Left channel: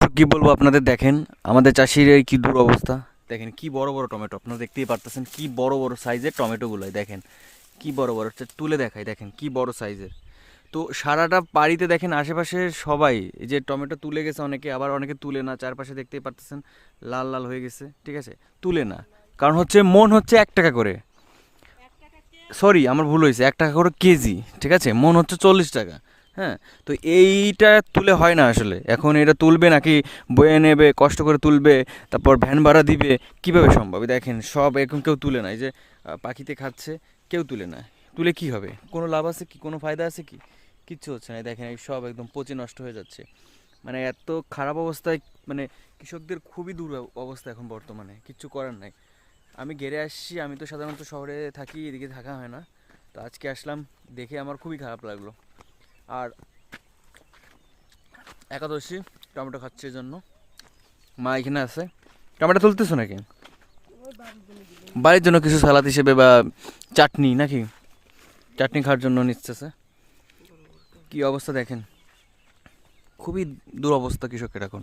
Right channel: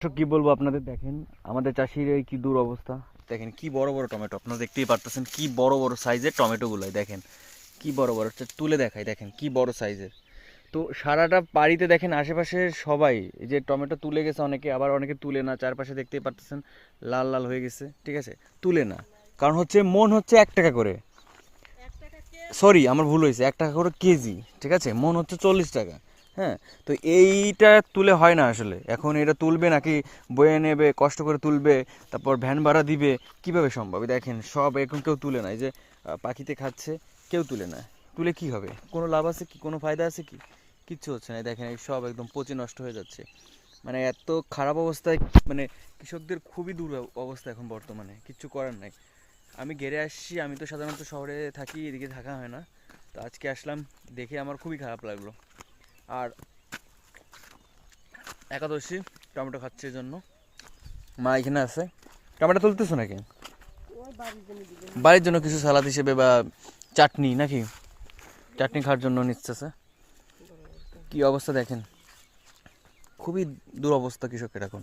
কি বলবো আপনাদের, দেখেন আমাদের চাষির এই কি দুরবস্থা। দেখেন কি বড় বড় টমেটো, আপনারা দেখতেই পারতেছেন কি বড় বড় সাইজের টমেটোগুলো। দেখেন কি বড় বড়, তুলে দেখাই, দেখেন কি বড় সাইজের। তো সারাটা বাড়িতে দেখেন আশেপাশে সবাই এই যে টমেটো তুলে গেছে, অনেকে আবার অনেকে তুলে না, চারপাশে দেখতেই পারতেছেন লাল লাল হয়ে গেছে, ঠিক আছে, তুলে না। কারণ হচ্ছে মন হচ্ছে 1 টাকা করে, সরি আমার ভুল হয়েছে, 1 টাকা করে কেজি, ঠিক আছে, মন হচ্ছে 40 টাকা। হ্যাঁ, তো এইটা তুলে হয় না আসলে। এখন এটা তুলবে নাকি, বয়ে নেবে, কষ্ট করে তুলবে, তারপর ভ্যান ভাড়া দিবে, কিভাবে সম্ভব? দেখেন সব এখন কেউ তুলে না, এই যে পাখিতে খাচ্ছে, কেউ তুলে না। তুলে কি হবে? কোনো লাভ আছে কি, কোনো ফায়দা আছে কি? কিচ্ছু হচ্ছে না। দেখেন এই সব একদম পচে নষ্ট হয়ে যাচ্ছে। মানে এত খারাপ অবস্থায়, মানে কৃষকদের খুবই দূর অবস্থা এখন বর্তমানে, কিচ্ছু করার নাই। আমি ঘেরে আসছি, আমি তো সাধারণত শহরে থাকি, এদিকে থাকা হয় না। তো আজকে আসলাম, দেখে আমার খুবই খারাপ লাগলো। আর একাদশী, টমেটো খাচ্ছে এই জন্য মা এখানে আছে। টমেটো তুলতেছো নাকি? বাড়ির জন্য কিছু সালাদ হিসেবে বা চাটনি নাকি? চাটনি খাওয়ার জন্য নিচ্ছে। কি অবস্থা দেখেন, খুবই দুরবস্থা কৃষকের এখন।